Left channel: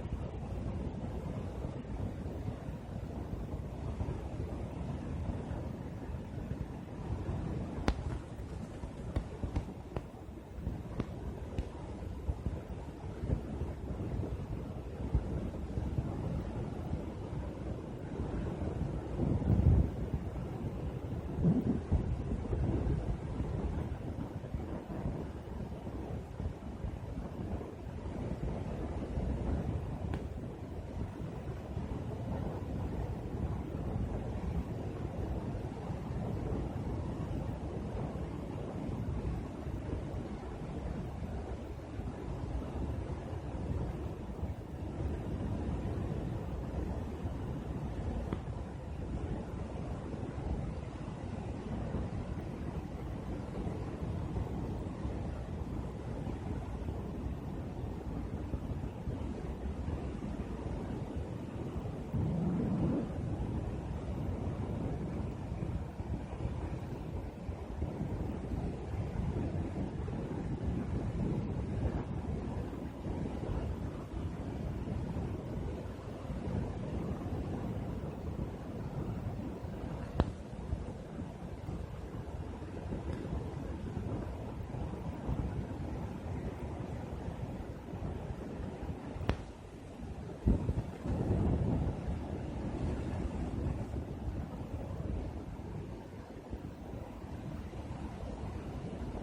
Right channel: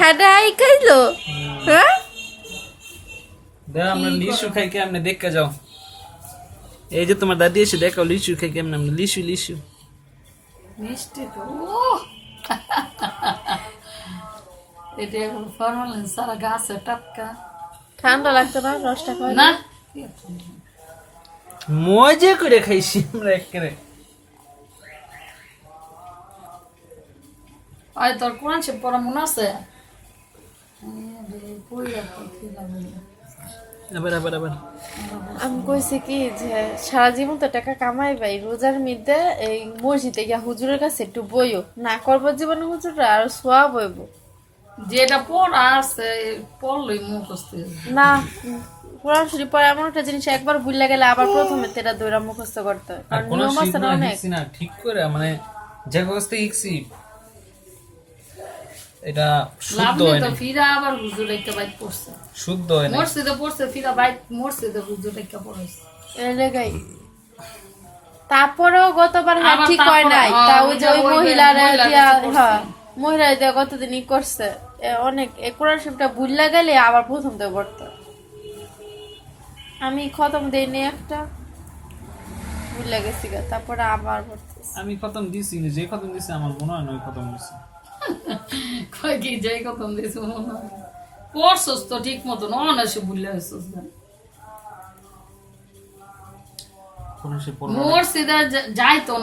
হাডাই খাইলো হ্যাঁ দাও আমরা লিচু খাই কেমনে দেখে যাও এই যে তোমার দাদি এসে দেখো লিচু খাই কেমনে আমরা লিচু মিষ্টি তো এটা এখন ফরমালিন সারা গাছে টাটকা ঠান্ডা লাগতো না রসটা খাই না মজা করে খাইছি আমরা একেবারে আয় তোর কোরআন সে পড়া মনে আছে আবার আমি কইছি কি যে সারা জীবন তো টাকা কামাই ভাই রোজার মধ্যে এই মসজিদে গিয়া হুজুরের কাছে একটু বইও না করবো জীবনে হুজুররা আর সোয়া বইব যেটা পড়া আছে পড়লই মুখস্থ না কোরআন শরীফ পড়া এমন একটা জিনিস একবার ভুলে গেলে আবার প্রথমে তেটা দৌড়া মুখস্থ করতে হয় আর কারণ কোন নিয়ম আছে না অনেক না ঠিক করে মানে যে অবস্থায় ইক্সি এটা লাভ শুদ্ধ নেই হয় তো না ফিরা আবার হুজুর একটা বাইক পড়ছে শুদ্ধ হয় না মসজিদে পড়ছে ফিরা বাইক মসজিদে হুজুর একটা পড়ছে এই জায়গায় তারপরেও গতবার হ্যাঁ আবার ঠিক হয় নাই তারপরে, তা ওই যে ওই ওই মহিলারা মহিলার দিয়া কাছে করছে। হ্যাঁ মহিলা দিয়া কতদিনই করছে অনেক কোরআন শরীফটা ভুললা গেলে আবার প্রথম থেকে পড়তে হয়। আমি খতম দেইনি একটা ভুললা গেছি গা, তারপরে আবার পড়তেছি। আমি খতম দিছি যে খতম দিছি আমার মনে হয় না ওই খতম দিছি কয় কি যাই কথা দিয়েছে মনে হয় পড়ছস তো ঠিক মতন অনাসে ভুলে আসছিস না কোন সে পড়া মসজিদে যাইতো না